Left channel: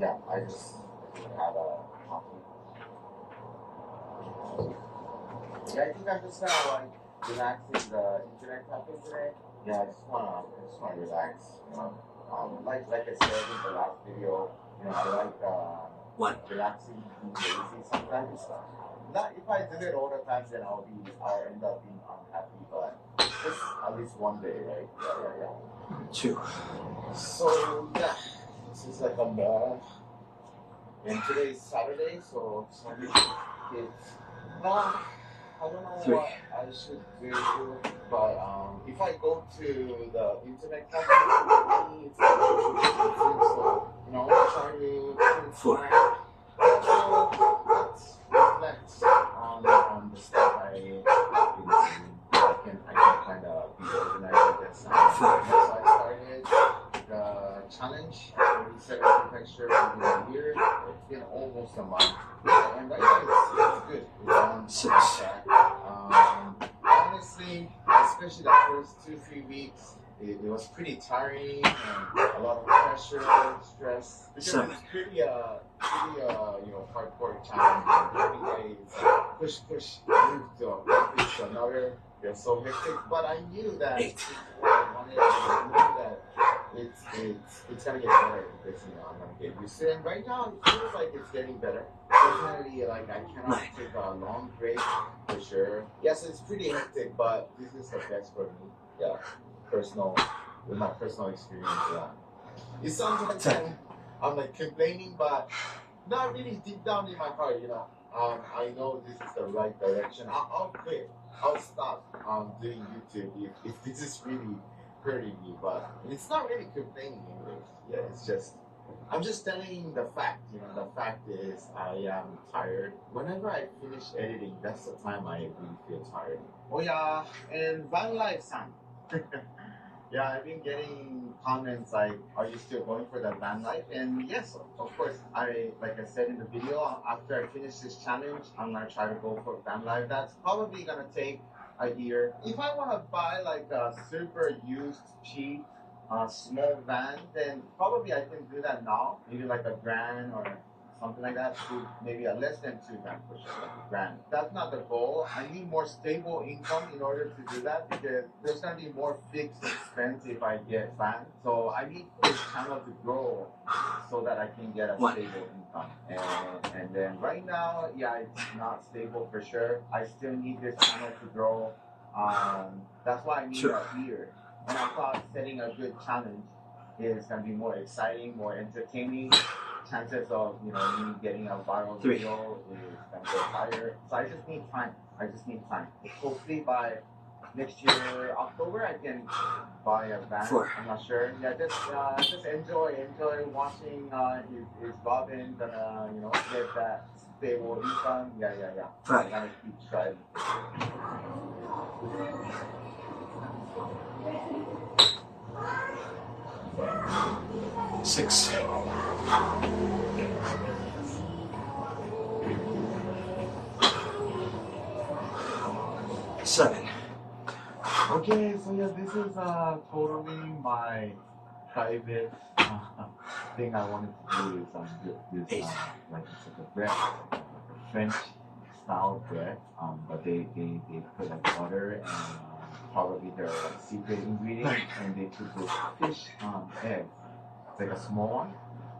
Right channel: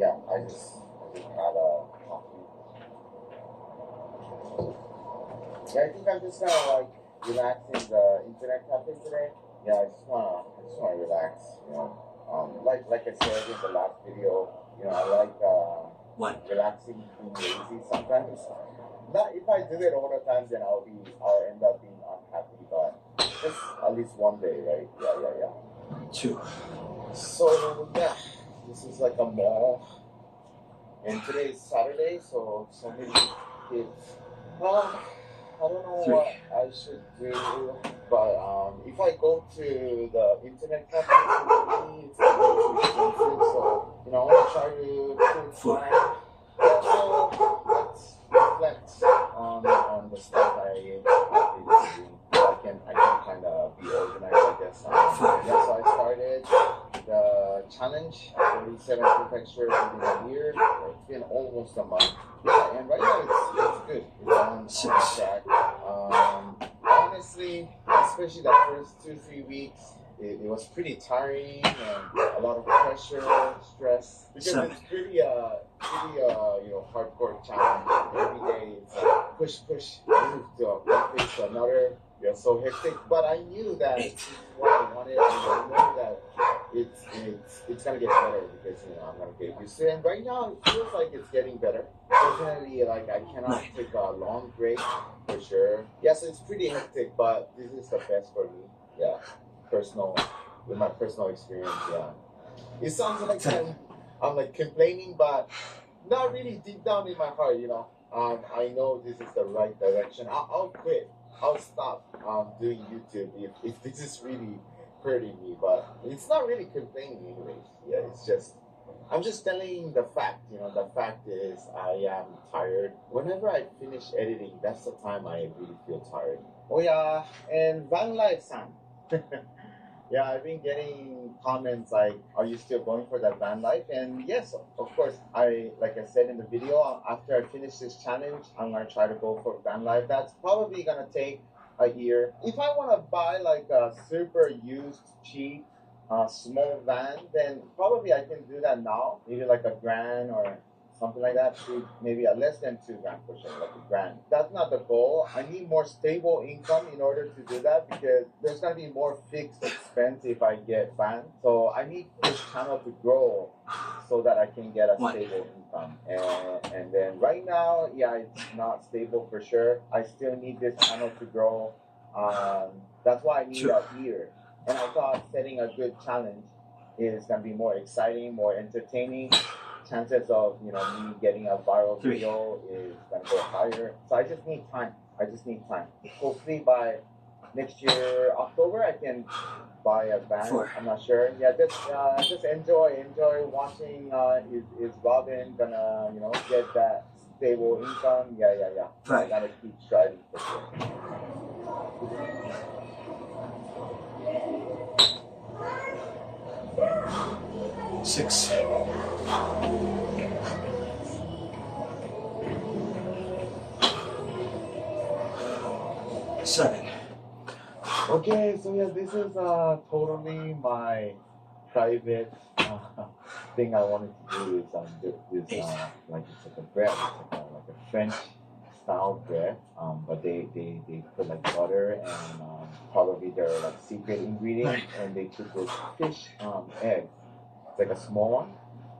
Yeah, I just had a coffee. Yeah, I think I'm just gonna like relax in the internet cafe today. Yeah, I just wanna relax. You know, like I said in the last video, you know, I like relaxing, being lazy sometimes. Not if I do it all the time, then I'll end up being unhappy. But just at least one day, right? Yeah. 2. So yeah, this is like a mall, and today is Saturday, so Sunday kids. Well, I don't know 3. what I should do, but if I go to the internet cafe, it's expensive, so you know, I want to try to 4. also let's reflect on the stuff I did. I can kind of be organized, I guess. Yeah, so I started the challenge, 47 prefecture within a year. It's been almost a month, and right now it's good. It's on track. Honestly, especially the first 2-3 weeks, it was pretty tiring and a lot of pressure, stress. Because 7. it's pretty you know, hardcore challenge. Every day it's push, move to another. Yeah, so hectic. But I knew that 8. what I wanted. I knew that it's gonna get better because you know I'm gonna get used to it. And right now it feels like it's getting better. Definitely, like I cannot take a long break for sure. Yes, it's pretty hectic, but this is the best for me. Yeah, with my personal experience. Yeah, it sounds like I'm like complaining, but not really deep down in my heart. You know, I know this is the right direction. I'll quit. I'll stop doing YouTube if this is really hurting me, but it's not really complaining anyways. Yeah, it's just I'm just telling the fact. You know, the fact is I am tired. Whenever I finish editing, that's the time I really feel tired. Oh yeah, and van life, son. Yeah, I've been getting comments like, "Are you still going for that van life?" And yes, of course. Like I said in the video, after I finish this challenge, I'm gonna try to go for van life. That's probably gonna take a year. If I want to buy like a super used, cheap, small van, then probably I can do that now. Maybe like $1,000 or something like that, maybe a less than $2,000 for sure, like $1,000. That's not the goal. I need more stable income in order to do that because there's gonna be more fixed expense if I get van. So I need this channel to grow so that I can get a stable income. And then right now, yeah, it's not stable for sure. I still need this channel to grow. That's why I need a year. And I thought setting a good challenge is gonna be more exciting, more entertaining. Chances of me getting a viral video is gonna go higher. So I just need time. Hopefully by next year October I can buy a van. 4. I'm not sure. Yeah, just enjoy watching. Is Robin gonna get that stable income? Yeah. I gotta keep striving for sure. 6. 7. Okay, so yeah, this is totally my private thing I wanted to do is this like it's like a bread, like a French style bread. But they put like butter and probably their like secret ingredient, and they put this fish egg. It's like a small one,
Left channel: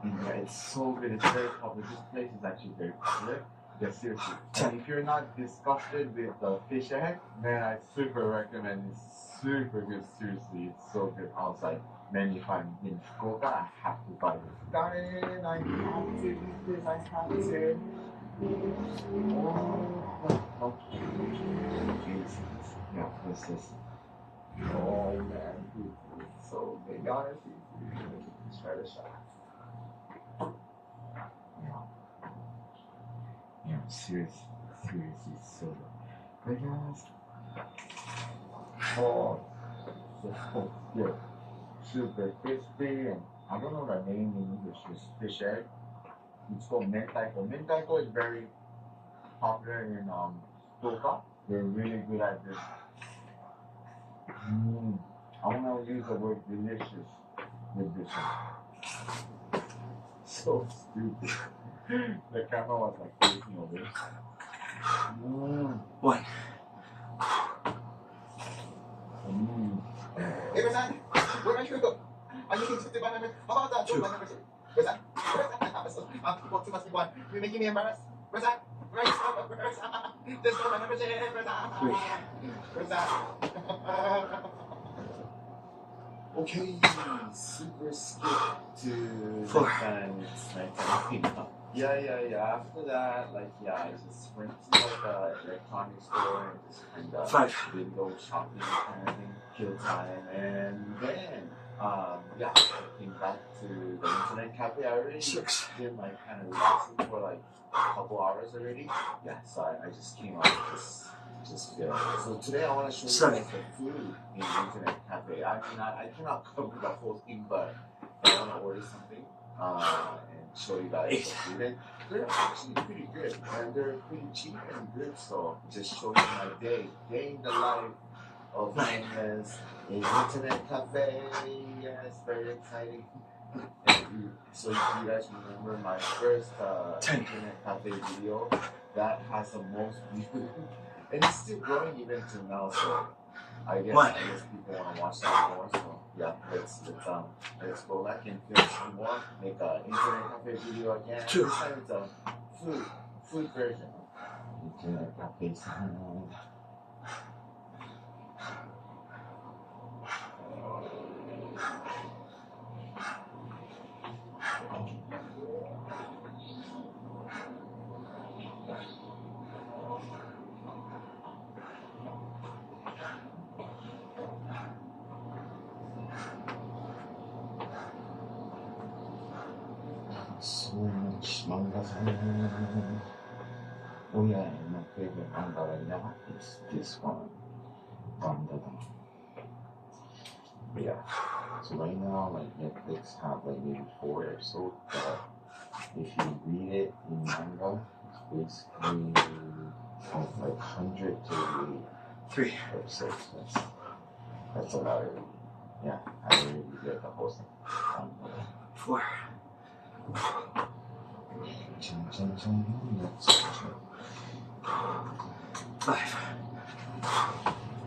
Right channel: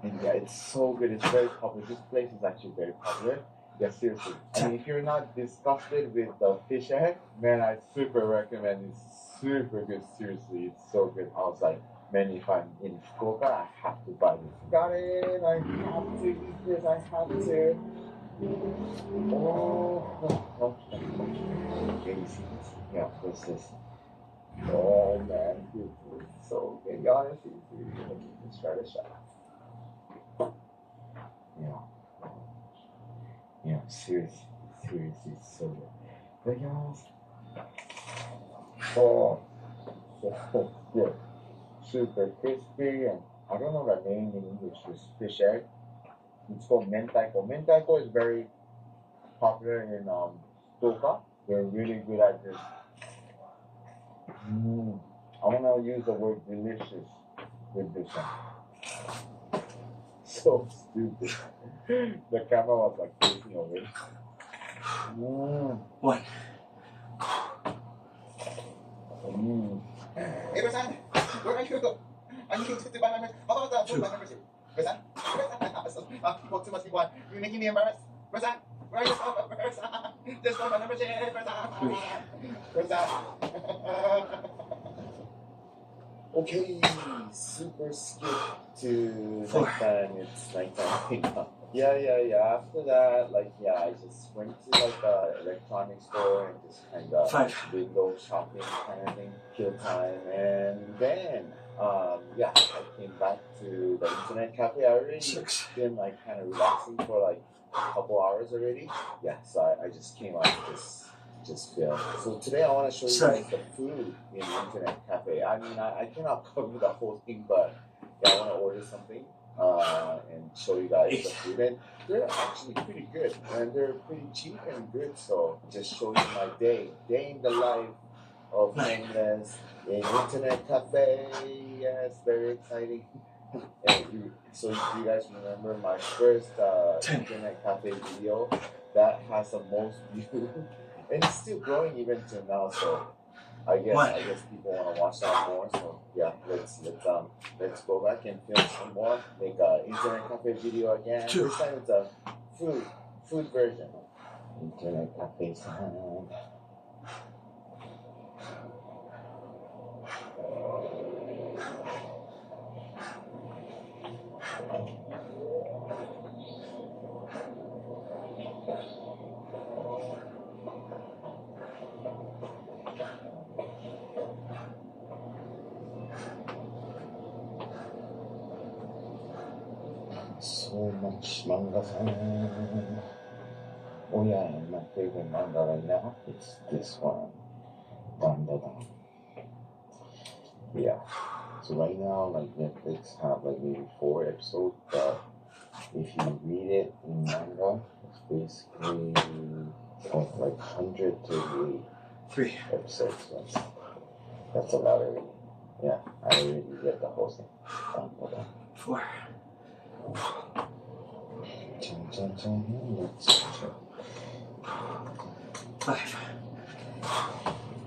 and yeah, it's so good. It's very popular. This place is actually very popular. Yeah, seriously. And if you're not disgusted with the fish egg, man, I super recommend. It's super good. Seriously, it's so good. I was like, man, if I'm in Fukuoka, I have to buy this. Got it. I have to eat this. I have to. Oh, okay. Yeah, what's this? Oh man, it's so good. Honestly, let's try this shot. Yeah, seriously, so good. Guys, so good, super crispy, and I don't know the name in English. It's fish egg. It's called mentaiko. Mentaiko is very popular in Fukuoka. They're really good at this. I want to use the word delicious with this one. so stupid. The camera was like facing away. One. Hey, Roseanne, where are you? I need to buy my membership. How about Two. my membership? Roseanne? People too much people. You're making me embarrassed. Roseanne, where are you? Roseanne, just for my membership. Roseanne. Three. Roseanne. Okay, super skip to Four. nighttime. It's nighttime. Yeah. After that, I just went to the electronics store and just kind of Five. window shopping kind of thing, kill time, and then I came back to the internet cafe. I already Six. been kind of relaxing for a couple hours already. Yeah, so I just came out just feel. So today I want to show you guys the food in the internet cafe. I mean, I cannot cover the whole thing, but I want to order something and show you guys the food. And they're actually pretty good, and they're pretty cheap and good. So just show you my day in the life of homeless in internet cafe. Yes, very exciting. And so if you guys remember my first internet cafe video, that has the most views. And it's still growing even till now, so I guess people want to watch that more. So yeah, let's go back and film some more. Make an internet cafe video again. Two. This time it's a food version. Internet cafe sound. So much manga. Oh yeah, my favorite manga right now is this one. Manga. Yeah. So right now, Netflix have maybe 4 episodes, but if you read it in manga, it's basically from 100 to 3 episodes. That's a lot already. Yeah, I already read the whole thing. 4. Five.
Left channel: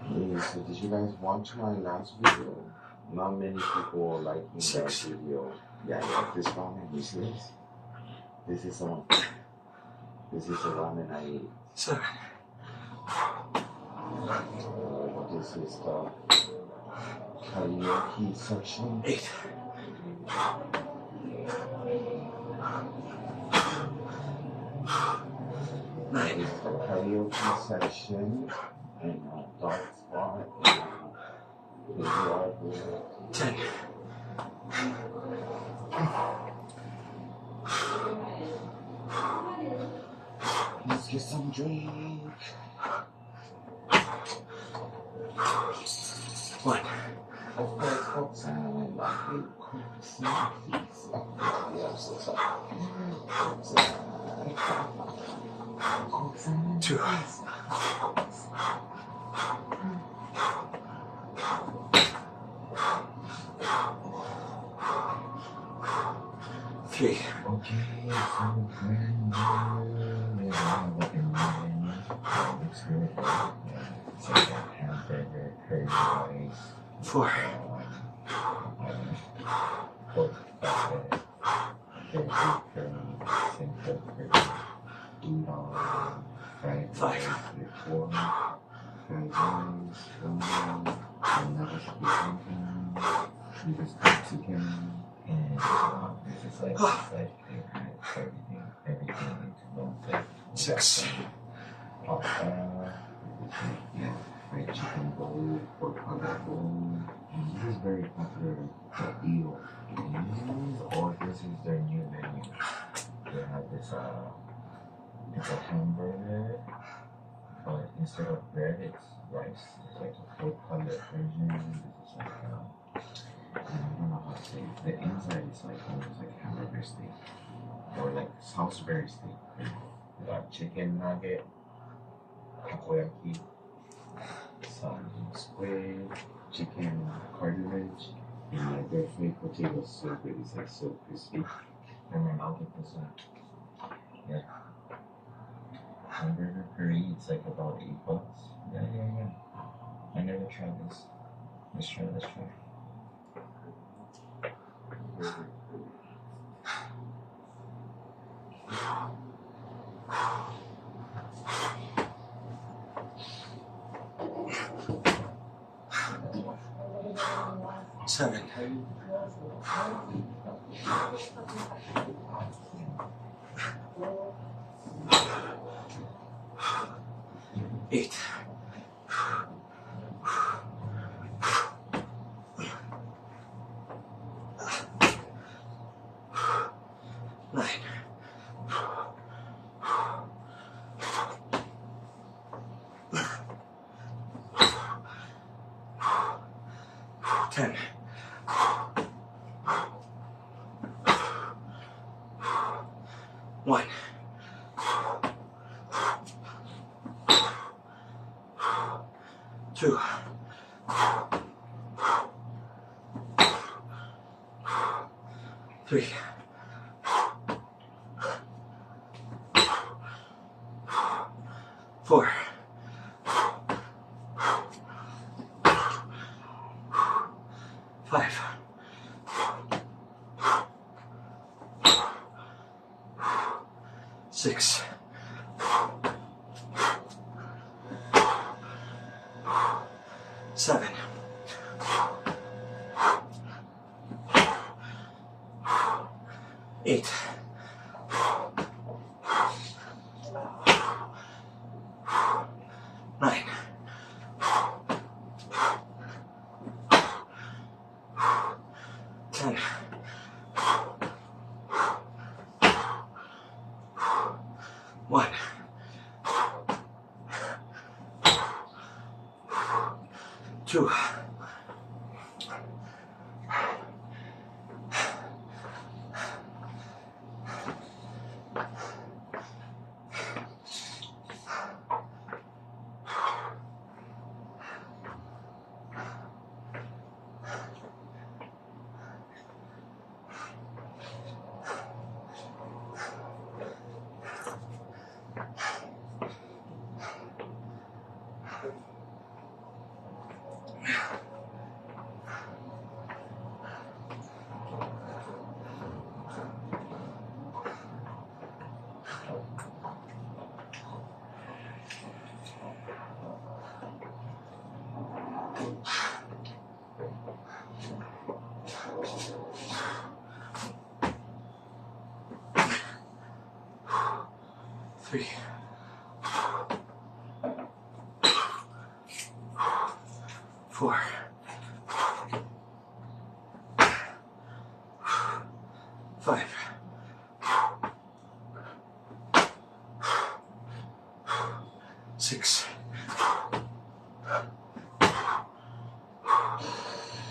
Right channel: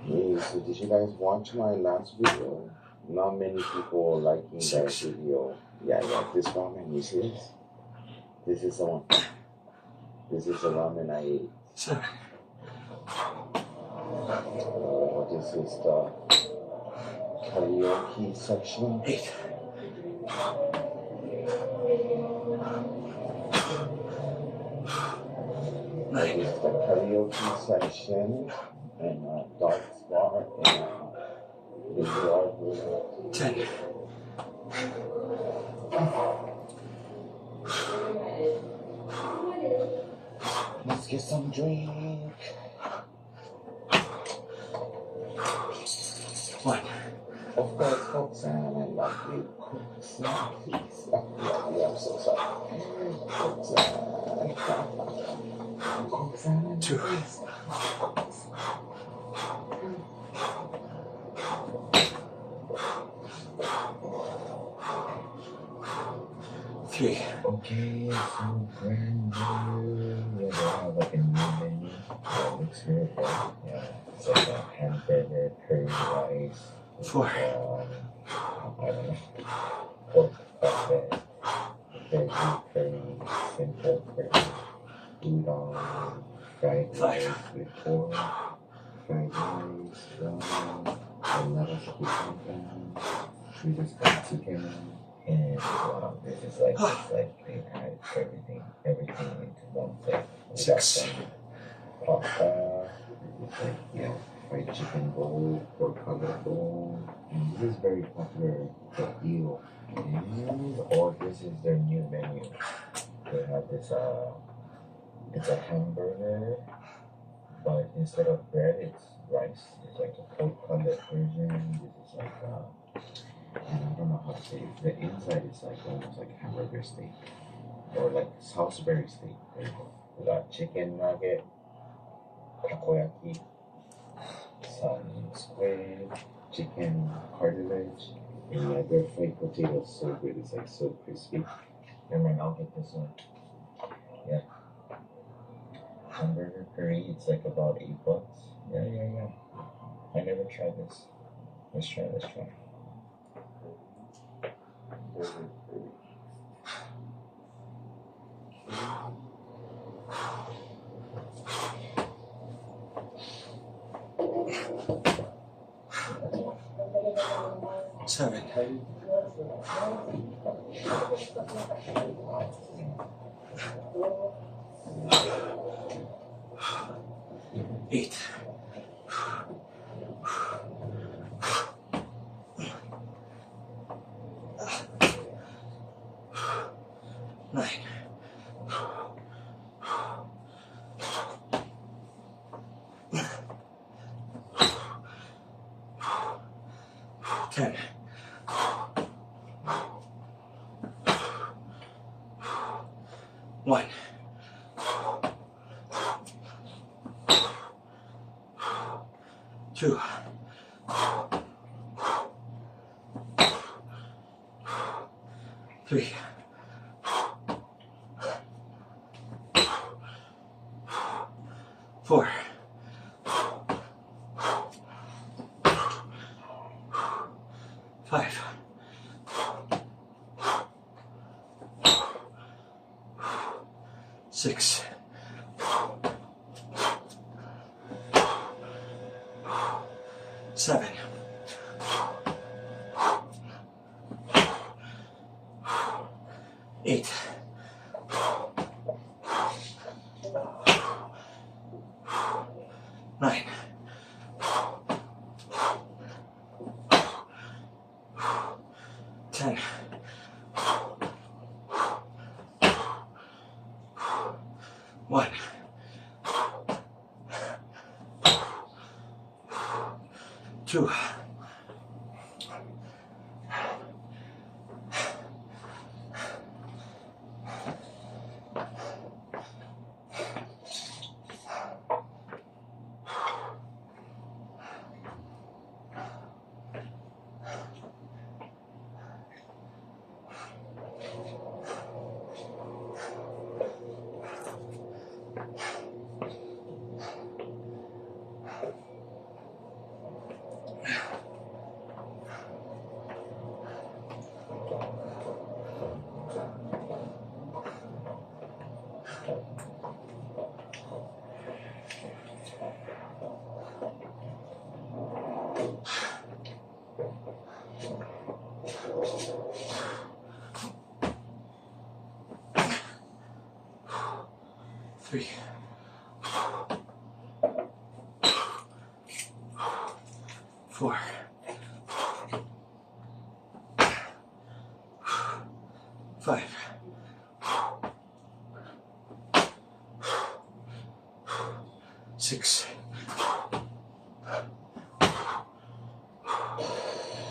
Hey, so did you guys watch my last video? Not many people liking that video. Yeah, this ramen, you see this? This is the one. This is the ramen I ate. 7. This is the karaoke section. 8. This is the karaoke section and dance bar and video. 10. Let's get some drink. 1. Of course, Coke salad, like it. Coke salad. Yeah, I'm so sorry. Coke salad. Coke salad. 2. 3. Okay, so brand new. Like a new menu. Looks good. Yeah, it's like a hamburger, curry rice. 4. I don't know. Pork flatbread. Curry, simple curry. Udon, fried rice with pork. Fried rice, ramen, another chicken. We just got chicken. And this is like they had everything into one plate. 6. Pasta, fried chicken bowl, pork cutlet bowl. And this is very popular for eel. And this is their new menu. They have this it's a hamburger, but instead of bread, it's rice. It's like a pork cutlet version. This is like I don't know how to say it. The inside is like almost like hamburger steak or like Salisbury steak. We got chicken nugget, takoyaki, some squid, chicken cartilage, and their fried potato is so good. It's like so crispy. And then I'll get this one. Yeah. Hamburger curry, it's like about $8. Yeah. I never tried this. Let's try. 7, 8, 9, 10, 1, 2, 3, 4, 5, 6, 7, 8, 9, 10, 1, 2, 3, 4, 5, 6,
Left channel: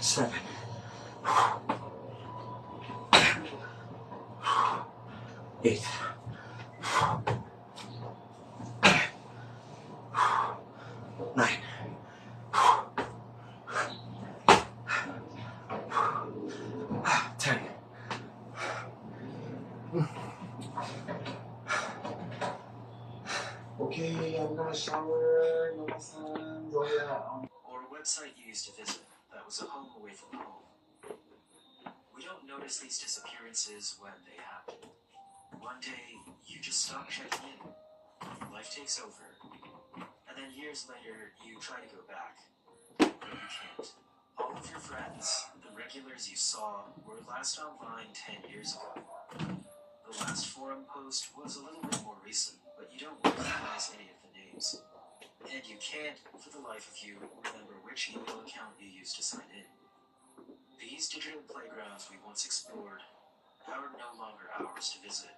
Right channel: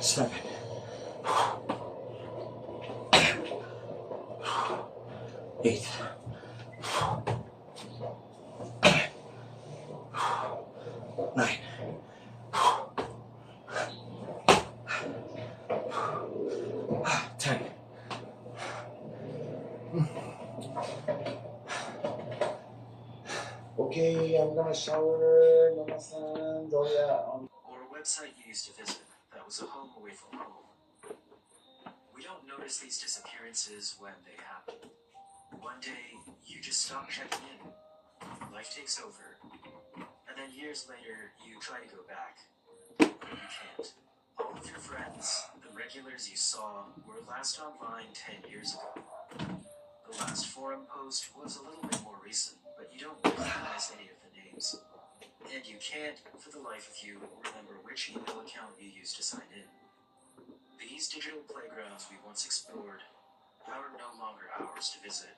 7, 8, 9, 10. Okay, I'm gonna shower. Mama-san, Zoya. Or a website you used to visit that was a home away from home. We don't notice these disappearances when they happen. One day, you just stop checking in. Life takes over. And then years later, you try to go back. But you can't. All of your friends, the regulars you saw, were last online 10 years ago. The last forum post was a little bit more recent, but you don't recognize any of the names. And you can't, for the life of you, remember which email account you used to sign in. These digital playgrounds we once explored are no longer ours to visit.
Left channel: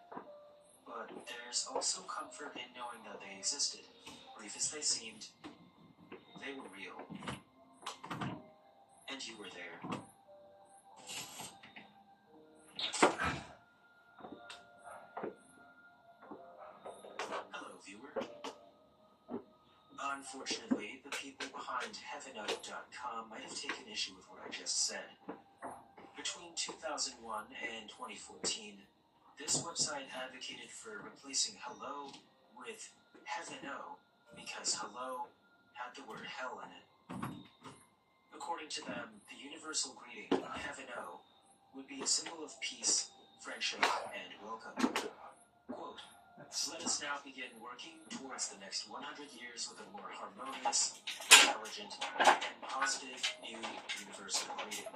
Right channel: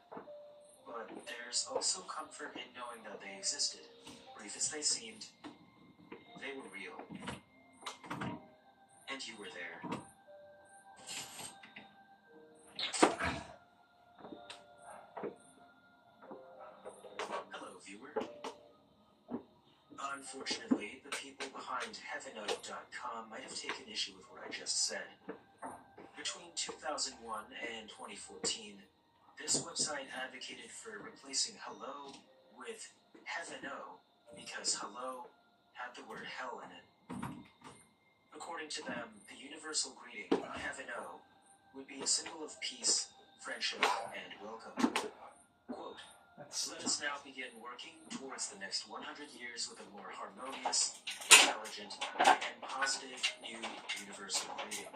But there's also comfort in knowing that they existed. Brief as they seemed, they were real. And you were there. Hello, viewer. Unfortunately, the people behind heavenote.com might have taken issue with what I just said. Between 2001 and 2014, This website advocated for replacing hello with heaven-o because hello had the word hell in it. According to them, the universal greeting, heaven-o, would be a symbol of peace, friendship, and welcome. Quote, let us now begin working towards the next 100 years with a more harmonious, intelligent, and positive new universal greeting.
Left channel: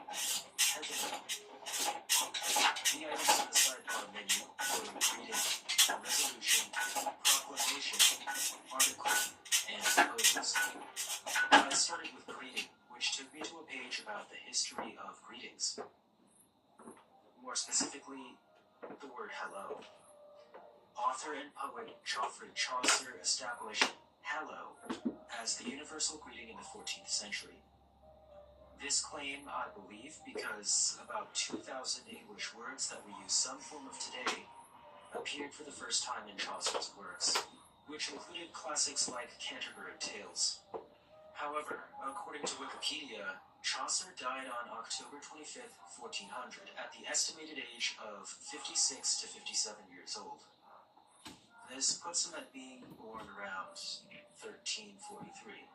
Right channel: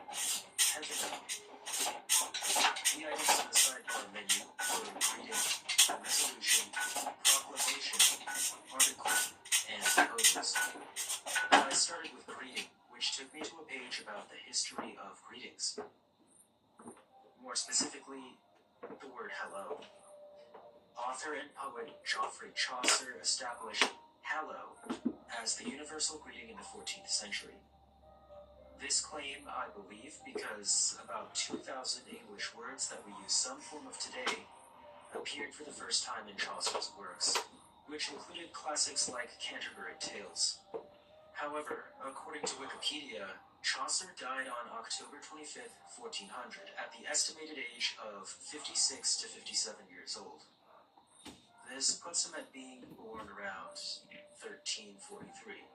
Heaven-o. The items on the sidebar menu were greeting, resolution, proclamation, article, and proposals. I started with greeting, which took me to a page about the history of greetings. More specifically, the word hello. Author and poet Geoffrey Chaucer established hello as the universal greeting in the 14th century. This claim, I believe, because about 2,000 English words that we use some form of today appeared for the first time in Chaucer's works, which included classics like Canterbury Tales. However, according to Wikipedia, Chaucer died on October 25th, 1400, at the estimated age of 56 to 57 years old. This puts him at being born around 1343.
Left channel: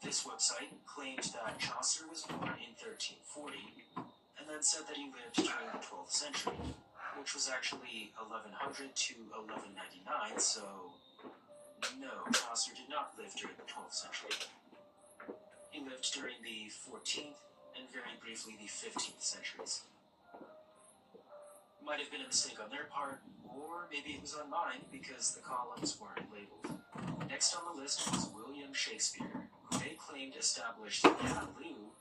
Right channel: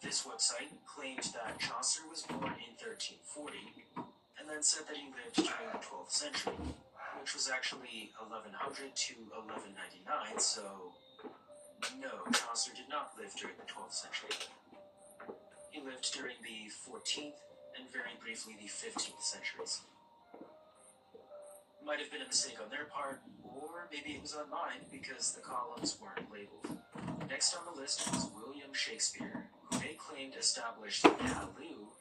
This website claimed that Chaucer was born in 1340, and then said that he lived during the 12th century, which was actually 1100 to 1199, so no, Chaucer did not live during the 12th century. He lived during the 14th and very briefly the 15th centuries. Might have been a mistake on their part, or maybe it was on mine because the columns weren't labeled. Next on the list was William Shakespeare, who they claimed established halloo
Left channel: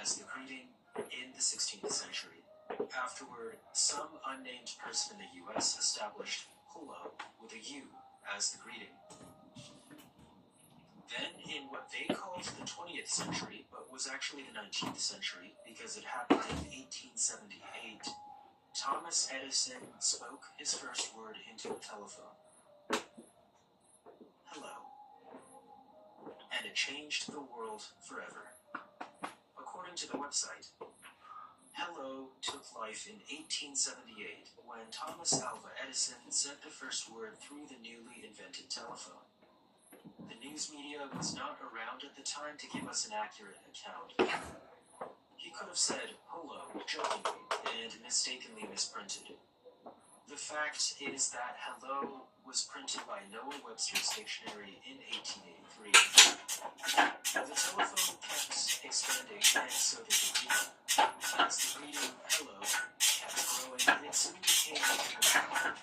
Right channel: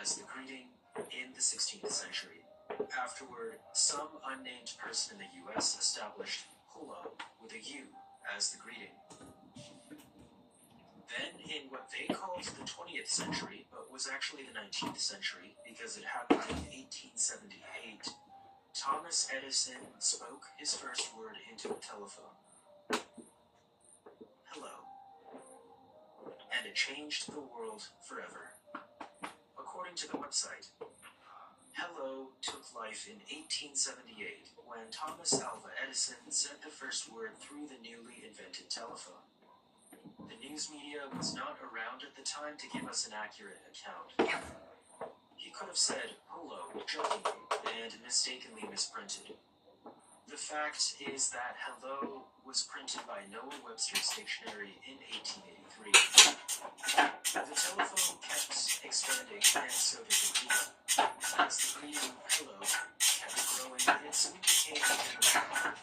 as the greeting in the 16th century. Afterward, some unnamed person in the US established hello with a U as the greeting. Then, in what they called the 20th century, but was actually the 19th century because it happened in 1878, Thomas Edison spoke his first word into a telephone. Hello. And it changed the world forever. According to the website, hello took life in 1878 when Thomas Alva Edison said the first word through the newly invented telephone. The news media was not around at the time to give us an accurate account. He could have said hello jokingly and mistakenly misprinted. The fact is that hello was printed by Noah Webster's dictionary in 1883. The telephone kept expanding, and so did the greeting. As the greeting hello kept growing, it soon became a general word.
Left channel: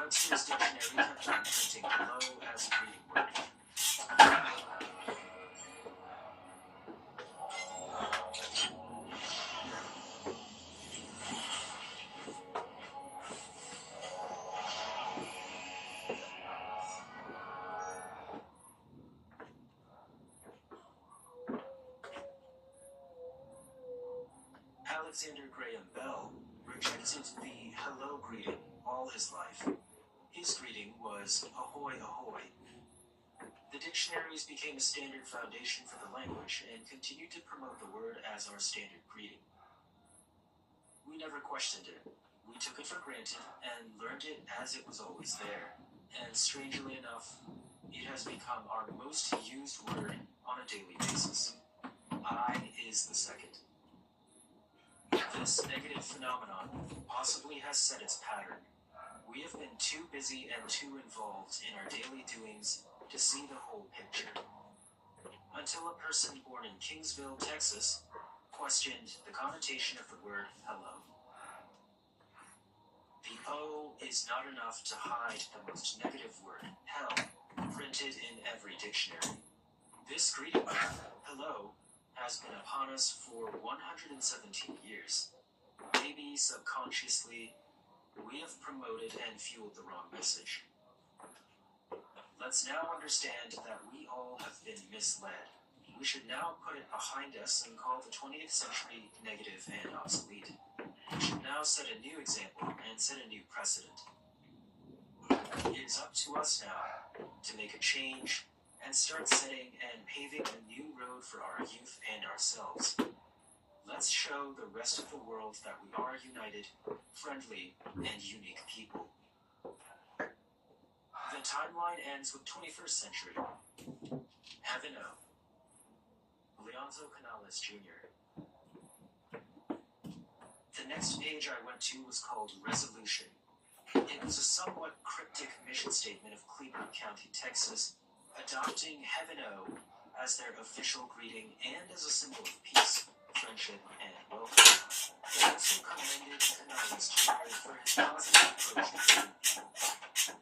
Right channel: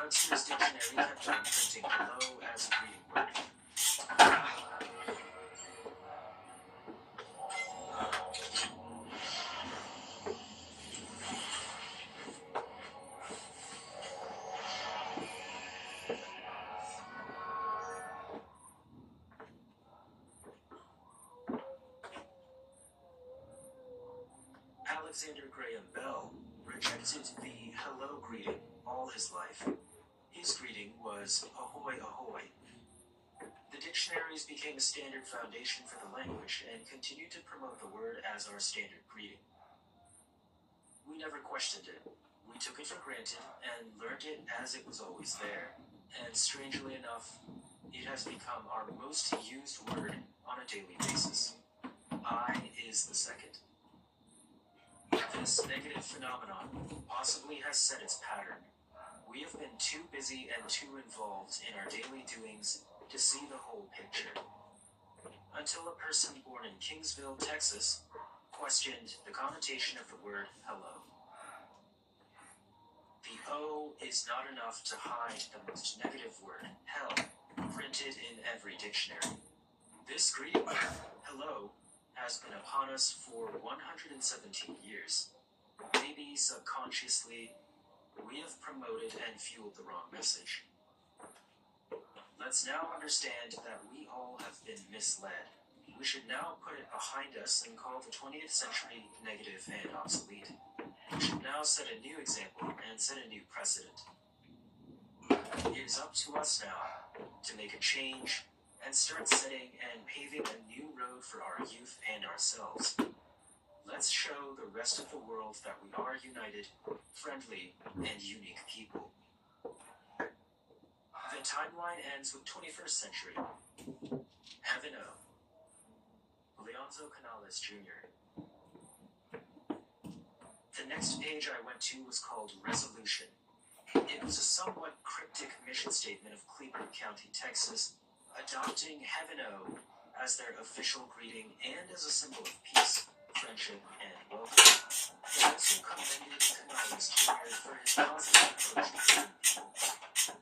Webster's dictionary kept on printing hello as a greeting word. Alexander Graham Bell rejected the hello greeting all his life. His greeting was ahoy ahoy. The dictionaries became a standard foundation for the language and continued to promote the word as our standard greeting. We never questioned it. We took it for granted and learned it as it was always there. And strangely enough, it has become our most used word on a daily basis. I is the second. This negative phenomenon possibly has set its pattern. We have been too busy and too involved in our daily doings to see the whole picture. Until a person born in Kingsville, Texas, questioned the connotation of the word hello. The O is not enough to hide the most negative word, hell, printed in every dictionary. This greeting word, hello, has been upon us for 117 years. Maybe subconsciously, we have promoted and fueled the wrong message. Let's now understand that we all have been misled. We should now put it behind us and call the 20th century negative and obsolete. We should now set a new example and set a new precedent. It is up to us now to make a change and start setting and paving a new road for our youth and ourselves. Let's show the rest of the world that we are united, friendly, and unique people. The timeline ends with 21st century. Heaven O. Leonzo Canales Jr. The next page I went to was called Resolution. It was a somewhat cryptic mission statement of Cleveland County, Texas, adopting Heaven O as their official greeting and as a symbol of peace, friendship, and welcome. They also commended Canales Jr. for his positive approach to treating people,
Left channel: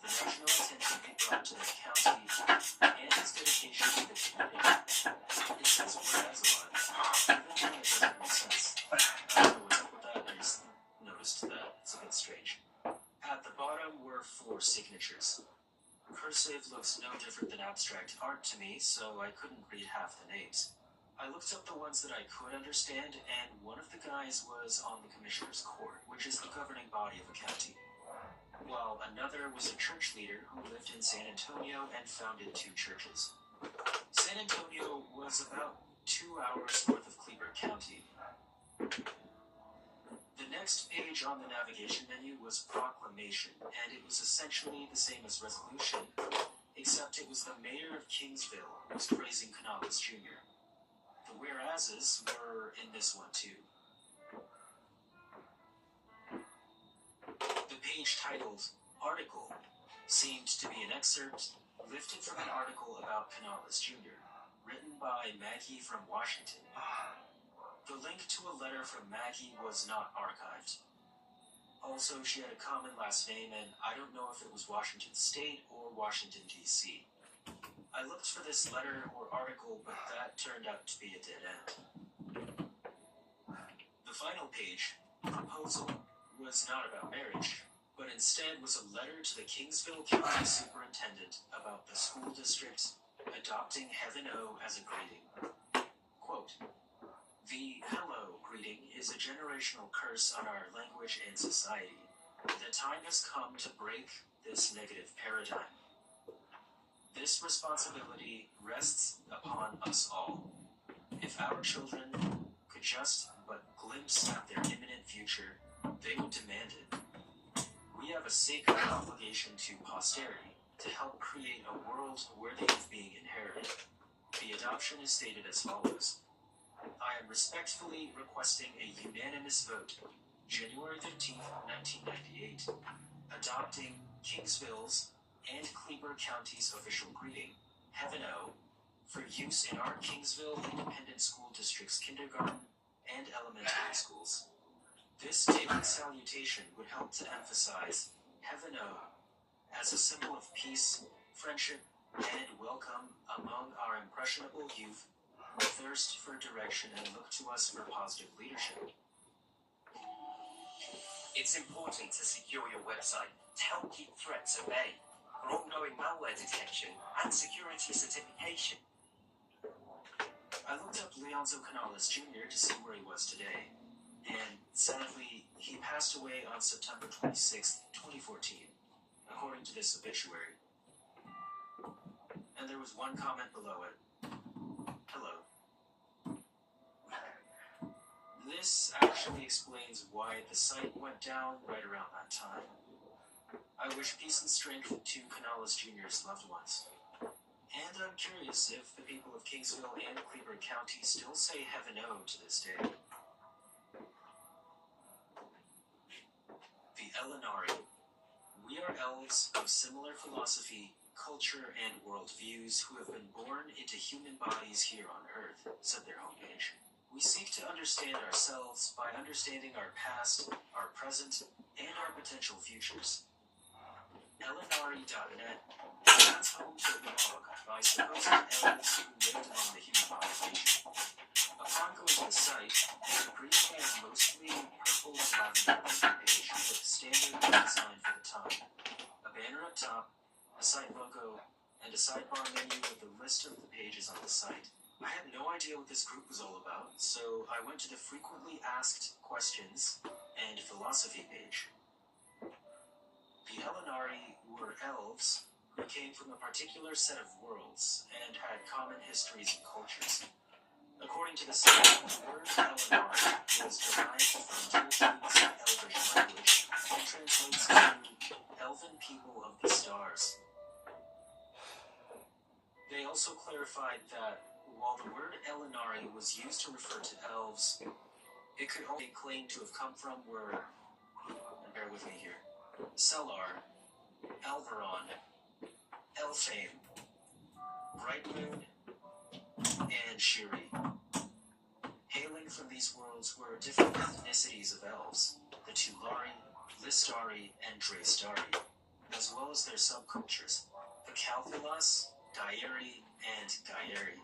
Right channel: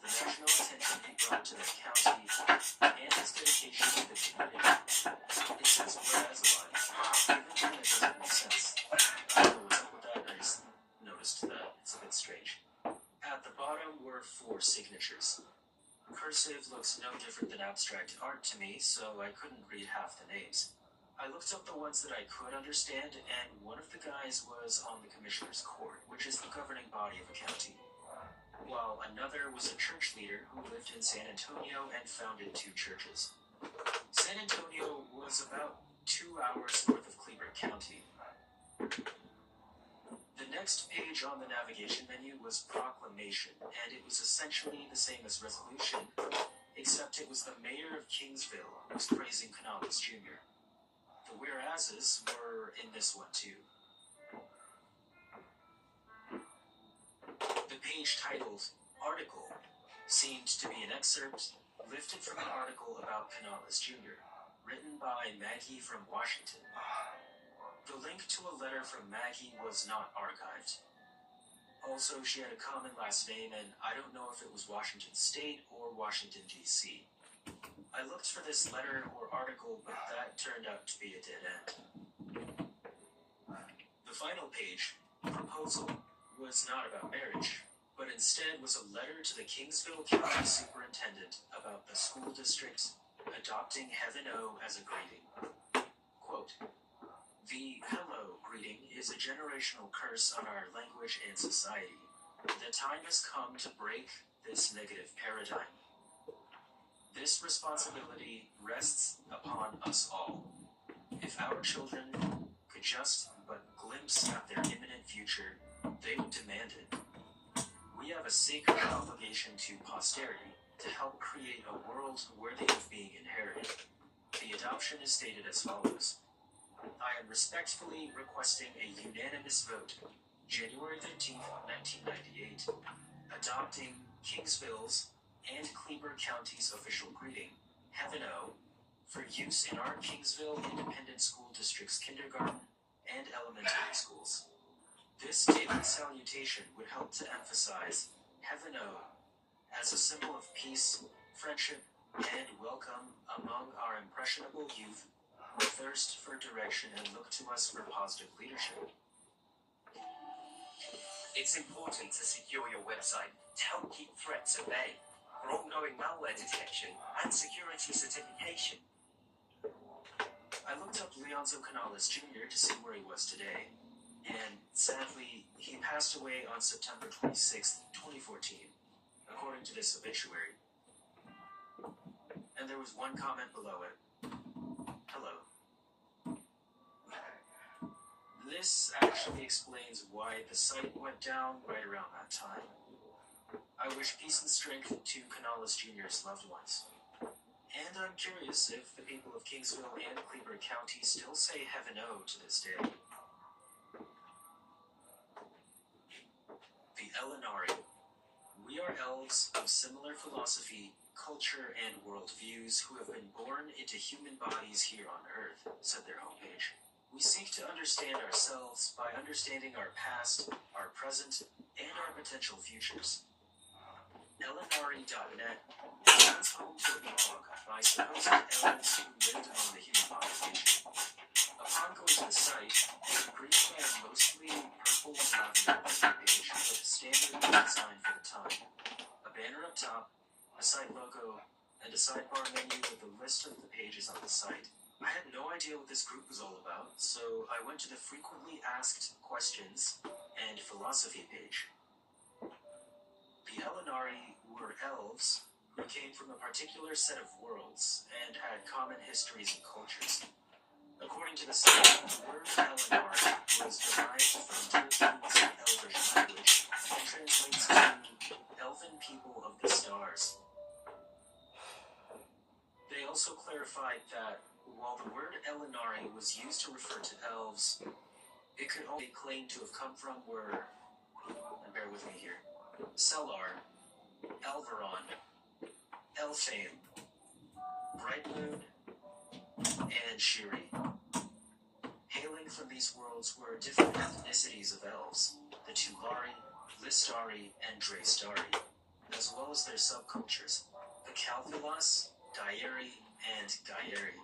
the national attention he brought to their county, and his dedication to the community. It says whereas a lot, even when it doesn't make sense. I don't know what's up with that, I just noticed that it's a bit strange. At the bottom were 4 signatures. Cursive looks no different than abstract art to me, so I couldn't read half the names. I looked up the ones that I could understand, and one of the guys was on the Commissioner's Court, which is the governing body of a county, while another was a church leader who lived in San Antonio and founded 2 churches. San Antonio was about 2 hours north of Cleveland County. The next page on the navigation menu was Proclamation, and it was essentially the same as Resolution, except it was the mayor of Kingsville who was praising Canales Jr. The whereases were in this one too. The page titled Article seemed to be an excerpt lifted from an article about Canales Jr., written by Maggie from Washington. The link to a letter from Maggie was not archived. Also, she had a common last name, and I don't know if it was Washington State or Washington, D.C. I looked for this letter or article, but that turned out to be a dead end. The final page, Proposal, was not about marriage, but instead was a letter to the Kingsville County Superintendent about the school district adopting Heaven O as a greeting. Quote, "The hello greeting is a generational curse on our language and society. The time has come to break this negative paradigm. This responsibility rests upon us all. If our children could just but glimpse at their imminent future, they would demand it. We have a sacred obligation to posterity to help create a world worthy of being inherited. The adoption is stated as follows. I am respectfully requesting a unanimous vote, January 13th, 1998, adopting Kingsville's and Cleveland County's official greeting, Heaven O, for use in our Kingsville Independent School District's kindergarten and elementary schools. This daily salutation would help to emphasize Heaven O as a symbol of peace, friendship, and welcome among our impressionable youth who thirst for direction and look to us for positive leadership. It's important to secure your website to help keep threats at bay for ongoing malware detection and security certification. I looked up Leonzo Canales Jr. to see where he was today, and sadly, he passed away on September 26, 2014, according to this obituary. And there was one comment below it. Hello. This actually explains why the site went down right around that time. I wish peace and strength to Canales Jr.'s loved ones. And I'm curious if the people of Kingsville and Cleveland County still say Heaven O to this day. The Elinari. We are elves of similar philosophy, culture, and worldviews who have been born into human bodies here on Earth, said their homepage. We seek to understand ourselves by understanding our past, our present, and our potential futures. Elinari.net is home to a blog by supposed elves who lived among the human population. Upon going to the site, it agreed by a mostly purple and lavender page with a standard design for the time. A banner up top, a site logo, and a sidebar menu with a list of the pages on the site. I had no idea what this group was all about, so I went to the frequently asked questions and philosophy page. The Elinari were elves who came from a particular set of worlds and had common histories and cultures. According to the site, the word Eleanor was derived from Tolkien's Elvish language and translates to Elven people of the stars. They also clarified that while the word Elinari was used to refer to elves, it could only claim to have come from were, and bear with me here, Selar, Elveron, Elfame, Brightmoon, and Shiri. Hailing from these worlds were different ethnicities of elves, the Tulari, Listari, and Draystari, as well as their subcultures, the Calthulas, Dairi, and Gairi.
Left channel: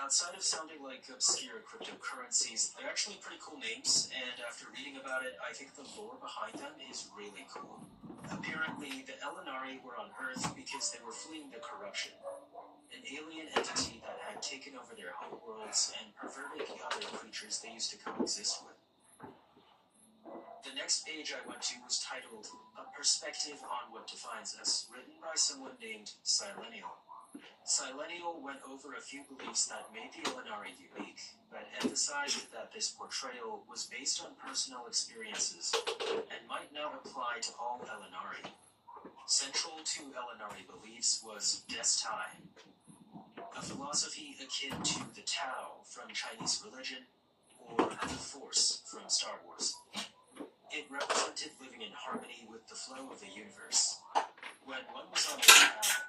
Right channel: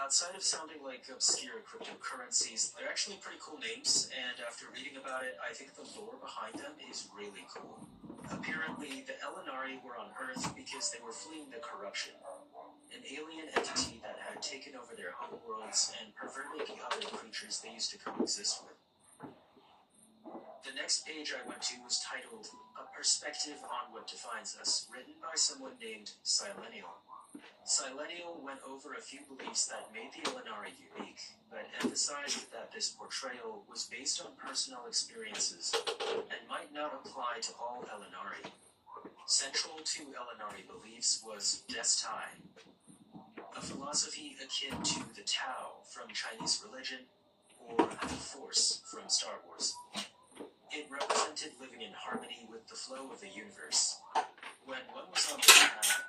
Outside of sounding like obscure cryptocurrencies, they're actually pretty cool names, and after reading about it, I think the lore behind them is really cool. Apparently, the Elinari were on Earth because they were fleeing the corruption, an alien entity that had taken over their homeworlds and perverted the other creatures they used to coexist with. The next page I went to was titled, A Perspective on What Defines Us, written by someone named Silenial. Silenial went over a few beliefs that made the Elinari unique, but emphasized that this portrayal was based on personal experiences and might not apply to all Elinari. Central to Elinari beliefs was Destai, a philosophy akin to the Tao from Chinese religion or the Force from Star Wars. It represented living in harmony with the flow of the universe. When one was on the path,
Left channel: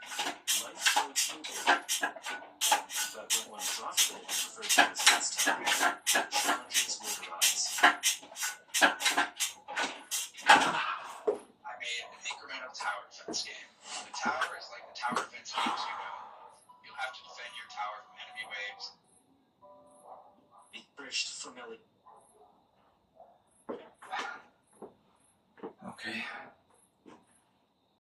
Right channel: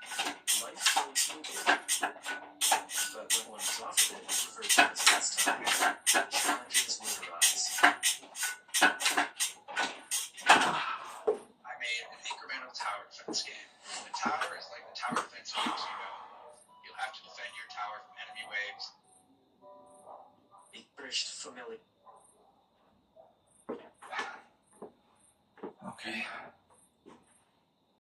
life flowed smoothly. But when one was off of it, referred to as Destai, challenges would arise. I made an incremental tower defense game. The tower is like the tower defense games you know. You'll have to defend your tower from enemy waves. It bridged familiar. Okay.